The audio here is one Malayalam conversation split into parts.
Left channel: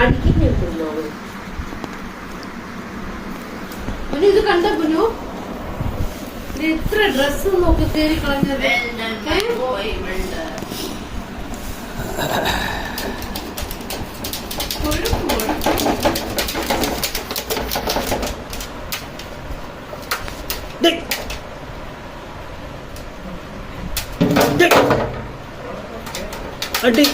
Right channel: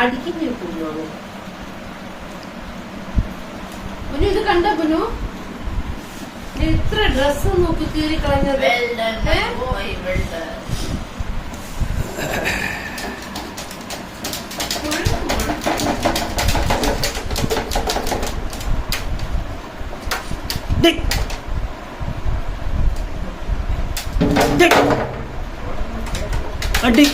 അടിക്കുന്നു പുനു ഇത് കണ്ട പുനു ഇത്ര ഡ്രസ് നോക്കി കയറി കളഞ്ഞത് അടി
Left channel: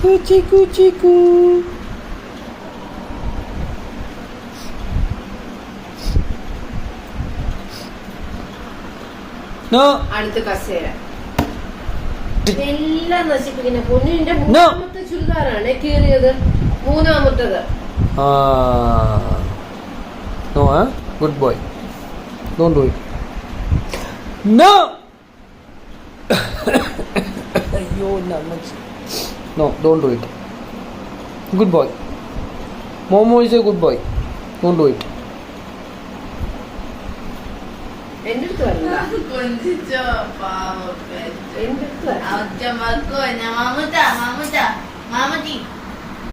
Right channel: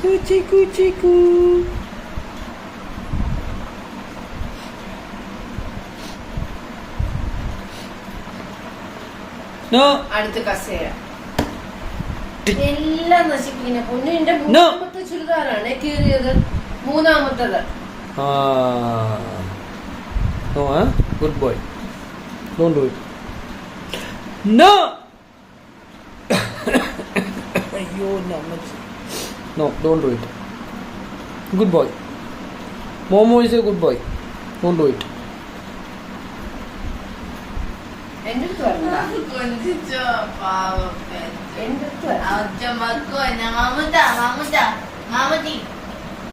കുച്ചിക്കു ചിക്കു അടുത്ത കസേര എല്ലാം നശിപ്പിക്കുന്ന പൊന്നിന്റെ മൂന്നാമത്തെ ചുരിദാറാണ് കീറിയത് മൂന്നാമത്തത് No, huh? Good boy. Don't do it. No! No, don't do it. Good boy. Momo is a good boy. Don't do it. എന്റെ അടുത്ത് വരണ്ട എന്റെ അടുത്ത്